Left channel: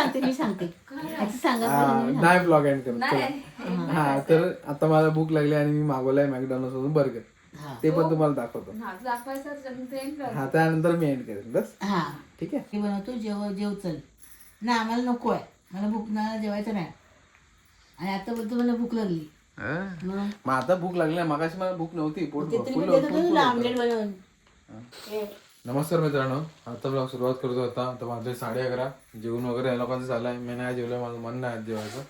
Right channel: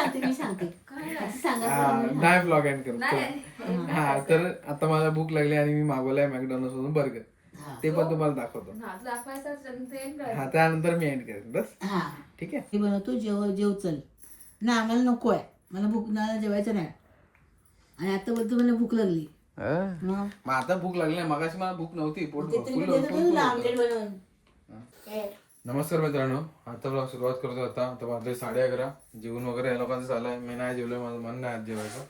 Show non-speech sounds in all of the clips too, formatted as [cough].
सांगते मी सांगते. आता सांगा हा, बरं नाही ब्लॉग एंड करत चला. हा तर आता मला भूक लागली आणि मी मागवलाय मॅकडॉनल्ड मधून बर्गर ते पण तुम्हाला दाखवतो. हा दाखवायचा ट्रेन कर. हा त्यानंतर मी एंड करेन बस. हा. ठीक आहे? मी बनवतो जेव जेव चल. ना आम्हाला नको आहे. मला भूक ना जेवायचं नाही. आणि आता बोलतो मला भूक लागली. मग? मग आता भूक लागली मगाशी मला भूक नव्हती पोट फुल होते आमलेट बनवून. नमस्कार मित्रांनो आता ब्लॉग सुरुवात करतो आता. आता वाजले साडे अकरा. जेवण वगैरे या लोकांचं झालंय मी नाही जेवलोय माझं मन नाही आज जेवायचं.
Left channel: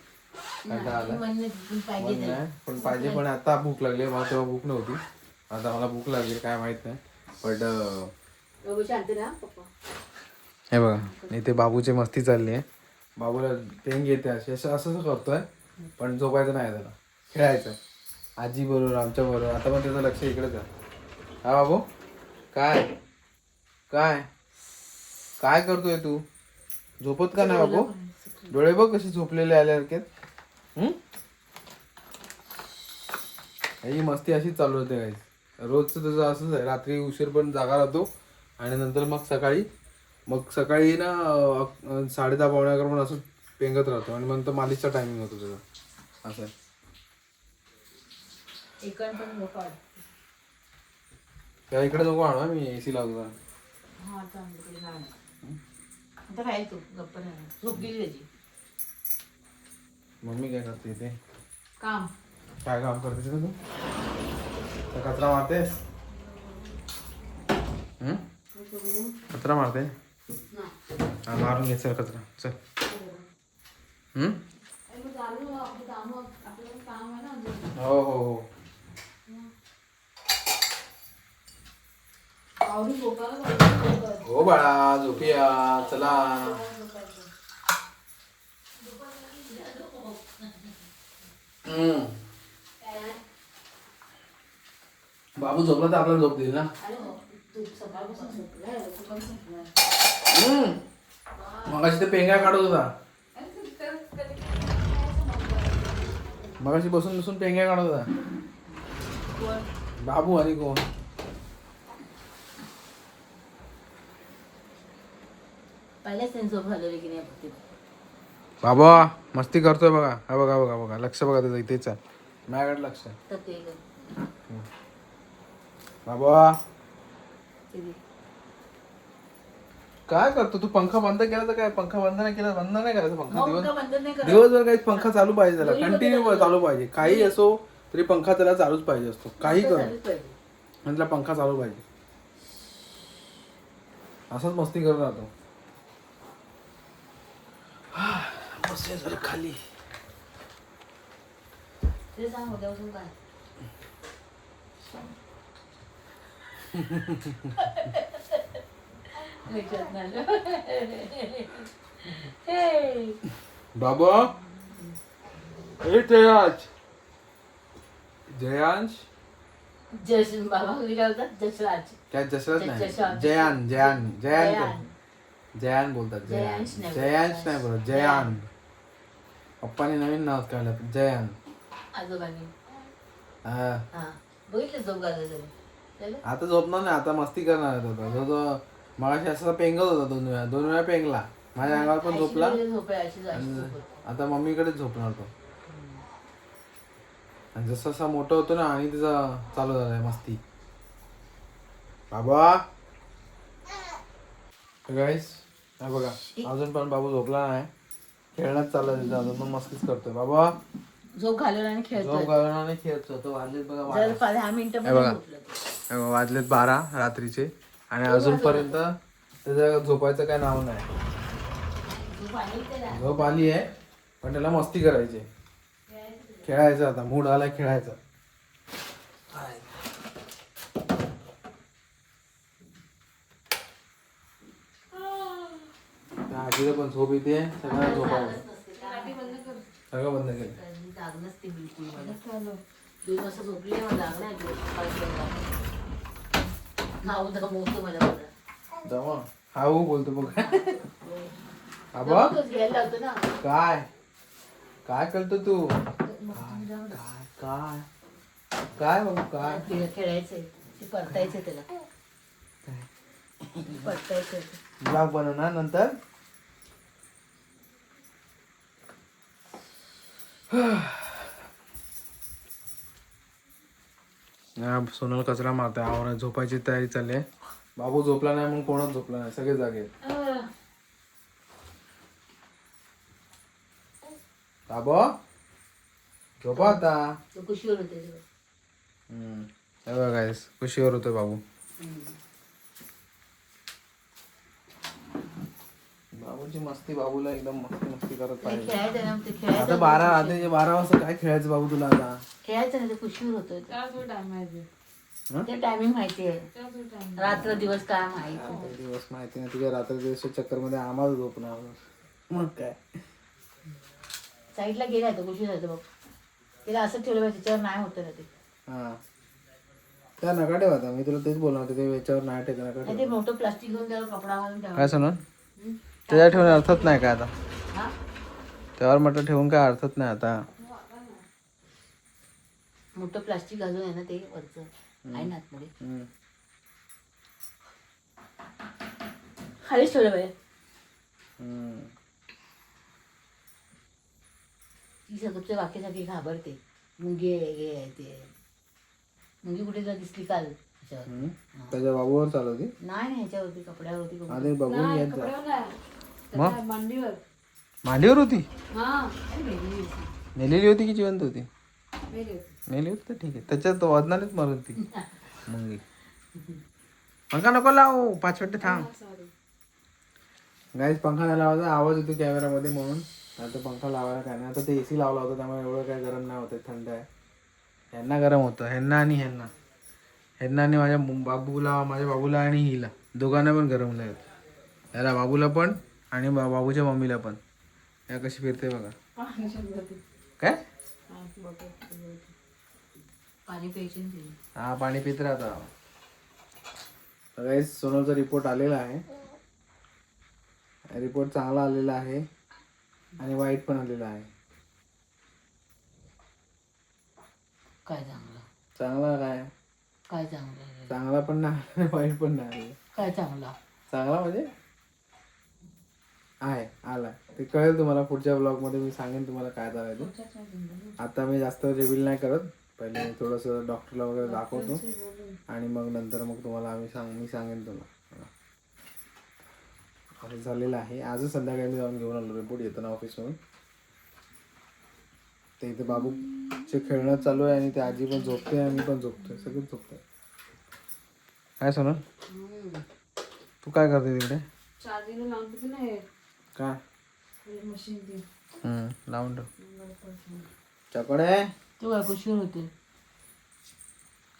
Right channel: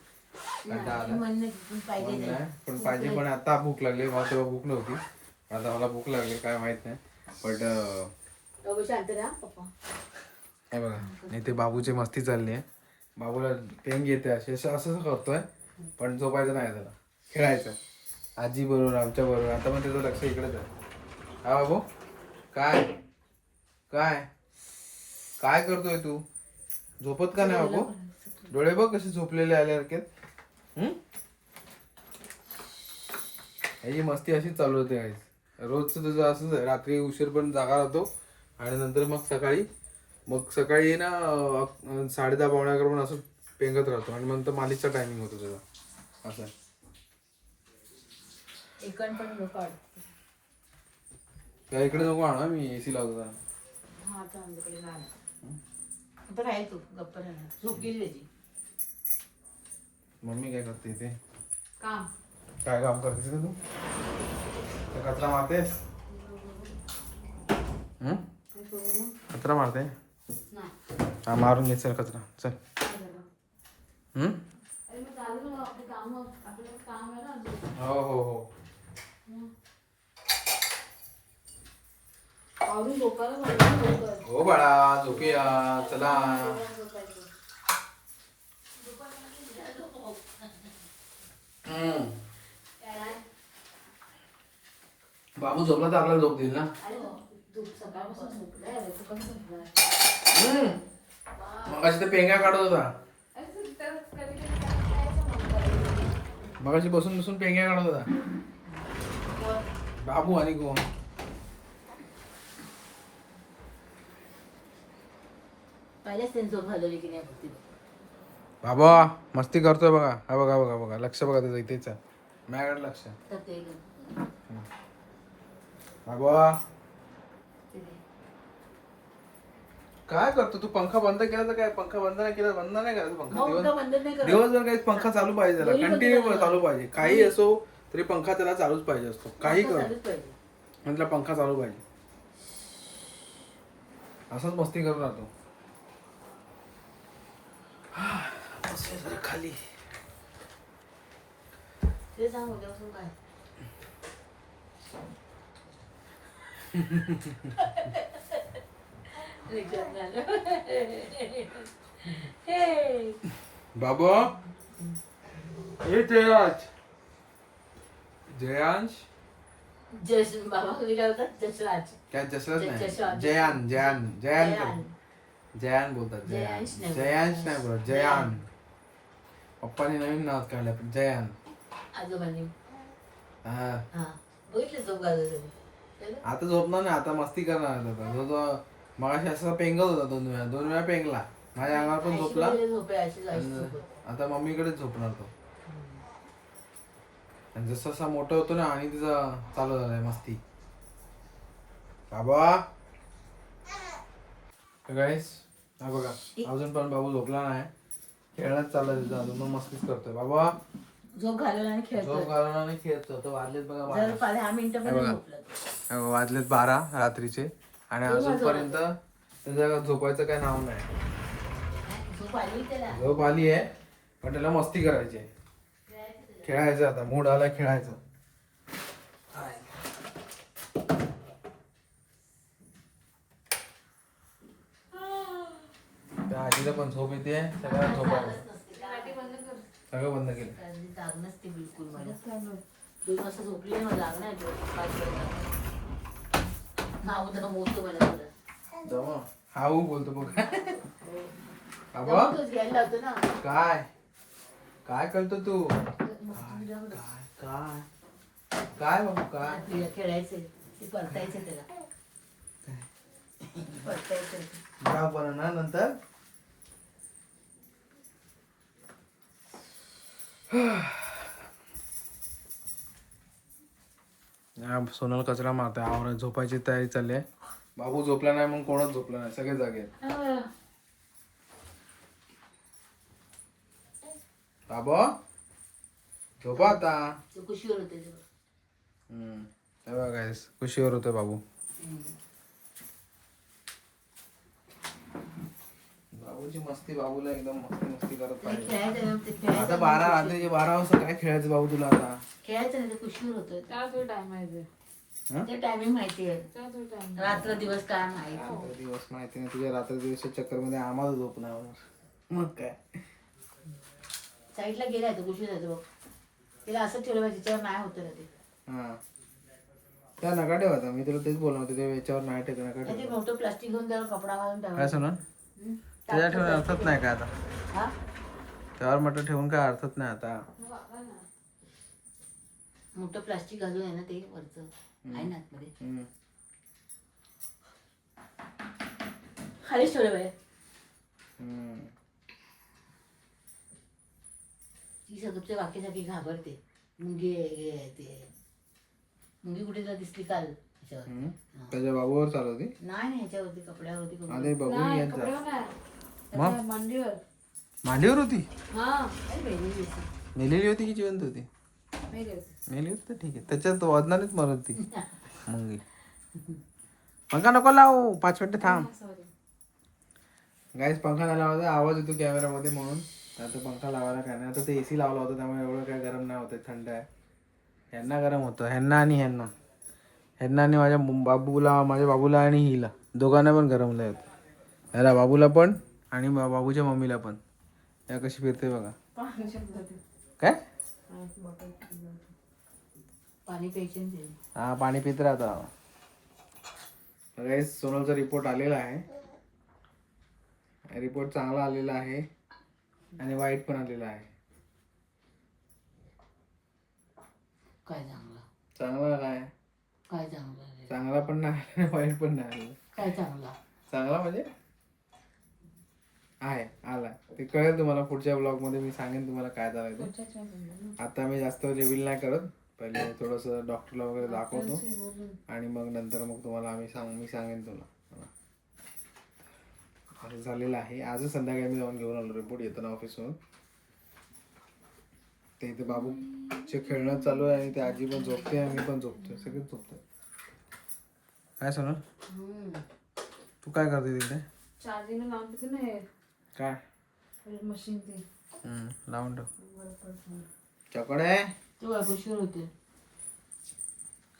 कंटाळा आला? म्हणलं पण पाहिजे मन नाही पण पाहिजे पण आता भूक लागली. मला तेव्हा भूक नव्हती. आता मला भूक लागली काय माहीत नाही. बट हे बघा इथे बाबूची मस्ती चालली आहे. बाबूला पेंग येते असे. असं असं करतोय पण झोपायचं नाही त्याला खेळायचं. आजी बरोबर आमच्या बरोबर. आता पण त्याचं लक्ष इकडेच आहे. हा बाबू काय? काय? काय करतोय तू? झोपत का नाही बाबू? डोळे बघ कसे झोपलेले आल्यासारखे. हम्म ह्याची मस्ती अशीच चालू होते गाईस रोजचं त्याचं असंच आहे. रात्री उशीर पण जागा राहतो आणि नंतर मग सकाळी मग सकाळी ना साडे दहा पावणे अकरा पण असं पेंगत राहतो आणि नंतर मालिशचा टायमिंग होतो त्याचा. असं आहे. त्याला इकडे नको आणा मी ए सी लावतो आता आमच्याकडे नाही आता राहील तू गप्प राहा झोप गेली त्याची मम्मी काय करते ते काम। काय काम करतेस का तू? त्या कचरा मारतेस हं? कचरा मारते हा? मारून घे चल कचरा चल। हं? हो हो हो। हो बाळा झोपूया. चला. बाबू झोपला तर आपल्याला झोप देईल ना? हम्म. मगाशी ते पेंगा काढत होता. मगाशी बसून बसून पेंग्या काढत होता. बाबू आणि कोण? पहिल्याच त्यांनी झोप हलवली की नाही बघते. बाबा मस्ती करतोय बघा. हा बघा बघा बघा. लक्ष बघा त्याचं इथेच आहे. माझ्याकडे लक्ष आहे. तर ते ग. बाबा. काय करतो तू? पंखा बंद केला तर काय? पंखा बंद नाही केला बंद नाही करायचा पंखा? मग दिवस का बंद नाही करत? दिवसभर काही पंखा चालू पाहिजे त्याला. कंटिन्यू चालू पाहिजे. काही असो तरी पंखा त्याला चालूच पाहिजे असतो. काही कर. चालूच पाहिजे. म्हटलं पंखा चालू पाहिजे. असंच मस्ती करत राहतो. बसूया जरा खाली ते सांग उद्यापासून काय लक्षात नाही आलं. हे. बाबा ए जयांश जयांश जश बाबा तुम्ही काय बोलतात जसराज काय जसरथ नाही जशांत. जयान जयान जयान जयान. बोलतात जयान. जयांश नाही जयांश नाही बोलत जयान. पप्पाने नवीन नाव काढलं जयान. आजोबांनी. हा. हा. बघितलं झोप घालायचं त्याला? आता झोपणार नाही आता मस्ती करणार आहे तो जो तो मगाशी असा पेंगत होता दोन वेळा दोन वेळा पेंगला. माझ्या अंगावर पण झोपेल. आता मम्मीकडेच झोपणार तो. आणि जसं जसा मोठं होतो ना आणि तिचा चालू झालाय मस्ती. बाबा. गाईस हा बघा अजून पण बाबू झोपला नाही. खेळण्यात चालला त्याचा अजून पण मस्तीच करतोय. बाबा झोप घालवला आणि खेळतोय. झोप घालून आणि खेळतो तो वाजलेत बघा बारा. दहा मिनिटं हे बघा. वाजलेत बारा रात्रीचे. आणि अजूनपर्यंत त्याचं झोपायचं काय नाव नाही. झोप आली त्याला? झोप आली आहे पण त्याला मस्ती करायची आहे. खेळायचं आता मूड आलाय खेळायचं त्या आजीला पण झोप येते सगळ्यांना झोपावं सगळं बंद केलं जाग नसते बिलकुल मला दोन वाजता झोपली मला जाग नाही येत. पाच वाजता. नाव दमवतो मला मला. जमा हाऊ बोलतो बघ आबा काय काय करतो तू. काय काय काय बाबू काय खेळ- खेळायचंय ते पडतायचं त्याला पडतायचं ब्लॉग बनवणार नंतर सोनल कचरा मारतोय. आवरा झोपायची तयारी चालली आहे. बाबू झोपला नाही मग कोणच झोपला नाही. सगळे जागे बाबा झोपा आता. कुशीवर होते कुशीवर होतोय बाबू. बाबूची मस्ती बाबूला एकदम मस्ती मस्ती करत ते पाहिजे खेळायचं ना ते आता खेळायचं बारा आता हे बारा वाजता काय खेळायचं बाबू तुला आता? खेळायचं नाही ते कुशीवर होतोय. हं? ते टायमिंग माहिती आहे. रात्र दिवस काय दिवस माहिती नाही. तुझ्या रात्री दिवसाच्या चक्करमध्ये आम्हाला झोप नाही होणार मग काय? साईडला गेलाय तो होतो बघ तिला असं ठेवलं पाहिजे त्याच्यावर नाही होतं ना ते. हा. त्या नका ठेव आता. मी तुला तेच बोलणार होतो की याच्यावर नाही ठेव नका नाही ठेव. ते मोठं प्लास्टिक घेऊन त्याला कपडा घालून काय ठेवायचं. सोनं त्याच्या ठेवून अर्थच नाही काय आता? त्यावर म्हटलं ठेवून काय अर्थच नाही आता. मोठं प्लास्टिक घालून आहे ना ते वरचं. आहे ना आतमध्ये. हम्म. खालीच ठेवलं पाहिजे हम्म. ती सगळं बाकी सगळी घाबरते. मुंगी आहे हे आहे ते आहे. मुंगी कुठे तुला दिसली काल? ह्याच्यावर हम्म. त्याच्या बाबूवर चालवती? नाही नाही ह्याच्यावरती कपड्यावरती कोण- आधी बघून येत जा. मग? मांडीवर. मांडीवर होती? हा. मेलेली होती की जिवंत होती? मेले मेली होती तर ठीक आहे. त्याच्यात वजनानेच मरत ती. [laughs] मुंगी. पंखा नको लावू. पाच मिनिटं थांब. गाईस पंखा नाही लावायचा आवाज येतो कॅमेरामध्ये म्हणून. आता पंखा लावायला काय नाही. आता ते एसी लावला होता त्यामुळे एवढं काय गरम नाही होत थंड आहे. ह्यांना गरम होतं. ह्यांना आणि ह्यांना. ह्यांना आणि माझ्या बाबूला माझ्या बाबूला आणि हिला. दोघांना पण गरम नाही होत. ह्याला बाबूला पण आणि बा- बाबूच्या मम्मीला पण. या कशी फिरते बघा. काय. हा पाणी पित राहता. गाईस सोनलचा रिपोर्ट आलेला आहे. रिपोर्ट चांगला आलेला आहे. आणि वाईट पण आलेला आहे. काय चांगलं? चांगला काय? काय चांगलं? चांगला पण नाही वाईट पण नाही. काय चांगलं? चांगला म्हणजे? आहे आला ते कळेल तुम्हाला पुढच्या ब्लॉगमध्ये मी सांगेन तुम्हाला काय ते आता मी जास्त रिव्हील नाही करत. पहिले थोडंसं डॉक्टरला वगैरे दाखवतो. आणि मग नंतर मग तुम्हाला आम्ही सांग मी सांगेन तुला असं झालेलं आहे. आजच संध्याकाळी मी जाऊन घेऊन आलो रिपोर्ट येताना ऑफिसवरून ते इथे बाबूचे खेळणं चालू आहे आणि ते आजी पण झोपते आणि मी पण झोपतोय. सगळेच झोपतोय. काय सोना तू काय करते तिकडे? काय? हम्म, लावून ठेव. चकडे? ते काय कुशीवर होते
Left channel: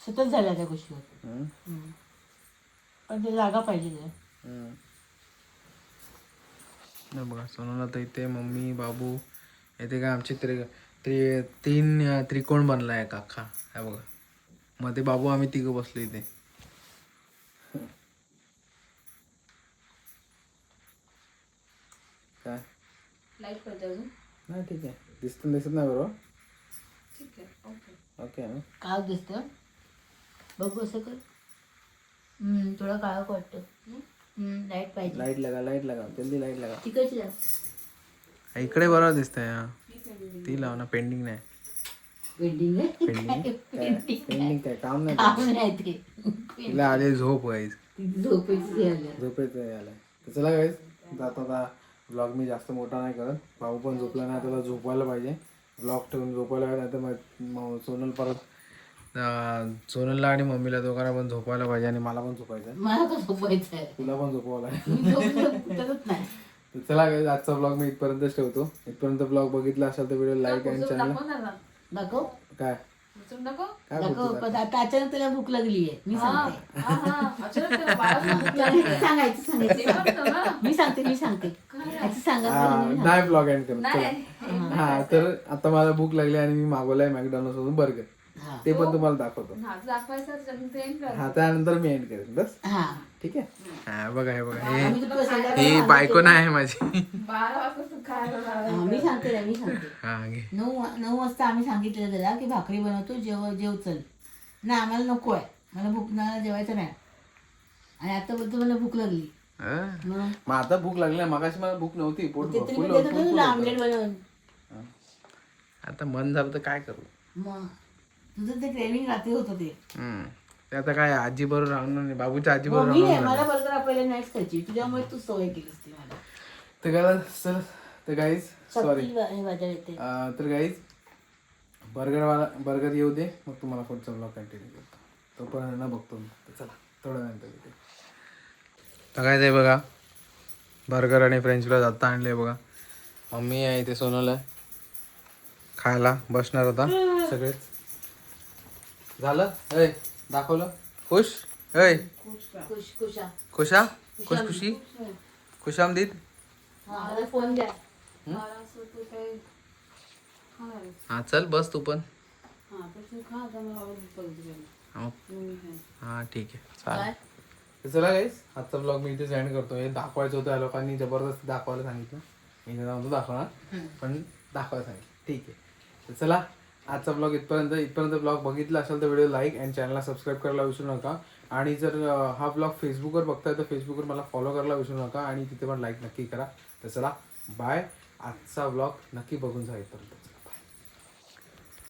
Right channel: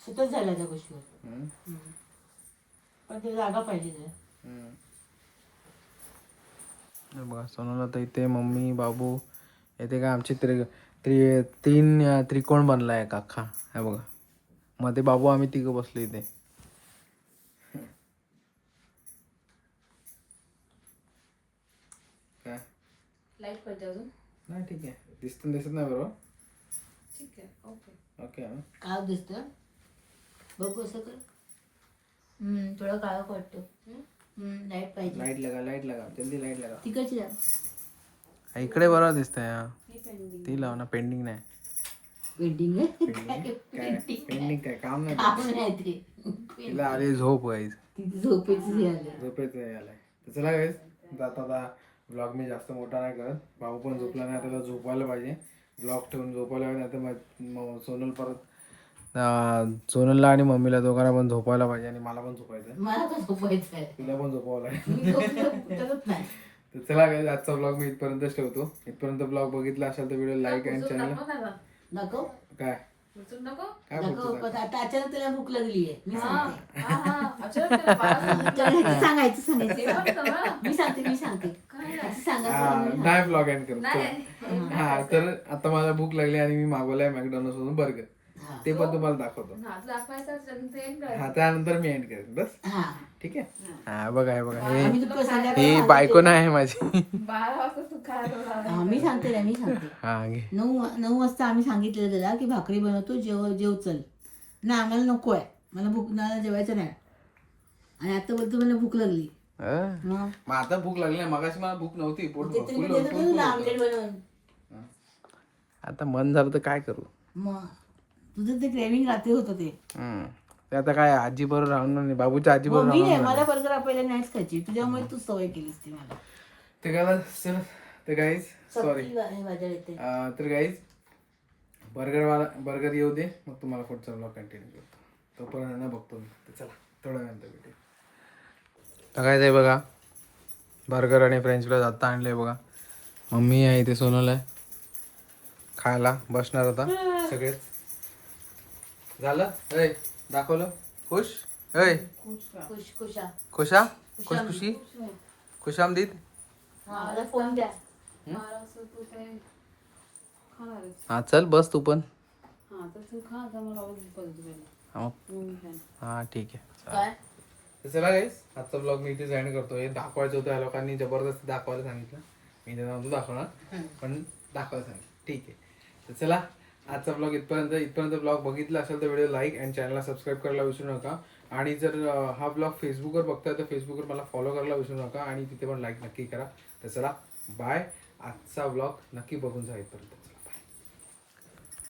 सतत झाला त्या कुशीवर हम्म, पण ते जागा पाहिजे जरा. हम्म. हे बघा सोनूला तर इथे मम्मी बाबू इथे काय आमची त्रि त्रि तीन अं, त्रिकोण बनला आहे अख्खा. हे बघा. मध्ये बाबू आम्ही तिघं बसलो इथे. काय? लाइट पडते अजून. नाही ठीक आहे. दिसत दिसत नाही बरोबर? ठीक आहे ओके ओके ना काळ दिसतं? बघू हम्म, थोडा काळा वाटतो. लाइट पाहिजे. लाइट लगा लाइट लगा. जल्दी लाइट लगा. तिकडची जा. इकडे बरोबर दिसतंय हा. ती लाव ना पेंडिंग नाही. वेडिंग [laughs] काय? पेंडिंग काय? काम नाही काम नाही ते. तिला आली झोप व्हायची ती झोपेची हे आलं. झोपेच आलाय तर चला गाईस आता आता ब्लॉग मी जास्त मोठा नाही करत. भाऊ पण झोपला नाही त्याला झोपायला पाहिजे. ब्लॉग ठेवून झोपायला पाहिजे नाही तर सोनल परत सोनलला आणि मम्मीला दोघांना पण झोपायला पाहिजे आणि मला पण झोपायचं आहे. तुला पण झोपावं लागेल. [laughs] तर चला आजचा ब्लॉग मी इथपर्यंतच ठेवतो. इथपर्यंत ब्लॉग बघितला असेल तर व्हिडिओ लाईक आणि चॅनल काय? नको? काय बोलतो पण आता अचानक त्याला भूक लागली आहे मी सांगते. हा हा. अचानक त्याला बाळा सांगायचं सांगायचं सांगायचं. ते म्हणतो ना. मी सांगते मी सांगते. सांगा हा. नाही ब्लॉग एंड करत. चला. हा तर आता मला भूक लागली आणि मी मागवलाय मॅकडॉनल्ड मधून बर्गर. ते पण तुम्हाला दाखवतो. हा दाखवायचा ट्रेन कर हा त्यानंतर मी एंड करेन बस. हा. ठीक आहे? हा. बघा हे बघा हे ही बायको नाही आहे माझी. हा, मी सांगते ना मी सांगते. हा घे. नऊ नऊ वाजता आम्ही सांगितलेलं त्याला की भाकरी बनवतो जेव जेव चल. ना आम्हाला नको आहे. मला भूक मला जेवायचं नाही. आणि आता बोलतो मला भूक लागली? मग? मग आता भूक लागली नाही मगाशी मला भूक नव्हती पोट ते? ना आमलेट बनवून. आता मन झालं तर काय करू? मग? तुझं ते क्रेविंग रात्री होतं ते. हम्म. ते आता काय आजी बरोबर राहणार नाही बाबूच्या आजी बरोबर मी राहणार नाही, मला बर्गर आपल्याला नाहीच खायची तुझ्यामुळे तू सवय केलीस ती मला. ते काय सर ते गाईज सॉरी चटणी माझ्या येते तर गाईज बर्गरवाला बर्गर येऊ दे मग तुम्हाला पुढचा ब्लॉग कंटिन्यू करतो. तोपर्यंत ना बघतो मी. तर चला थोड्या नंतर भेटू तर काय ते बघा बर्गर आणि फ्रेंच फ्राईज आत्ता आणले बघा. मम्मी आहे इथे सोनूला. खायला बसणार होता सगळेच. झालं? ऐ दाखवलं? खुश? ऐ. खुश खुशा? खुशा खुश खुशी खुशामदीद? मला फोन द्या. हा? चल बस तू पण. हा. हा. हा ठीक आहे. चालेल. तर चला गाईस आजचा ब्लॉग मी इथे एंड करतो. हे दाखवायचं होतं या लोकांनी जबरदस्ती दाखवायला सांगितलं. मी ते नव्हतं दाखवणार. पण दाखवायला सांगितलं. ठीक आहे. तर चला आजचा ब्लॉग इथपर्यंत इथपर्यंत ब्लॉग बघितला असेल तर व्हिडिओ लाईक अँड चॅनलला सबस्क्राईब करायला विसरू नका. आणि जर हा ब्लॉग फेसबुकवर बघताय तर फेसबुकवर मला फॉलो करायला विसरू नका आणि तिथे पण लाईक नक्की करा. तर चला बाय आजचा ब्लॉग नक्की बघून जा इथपर्यंत.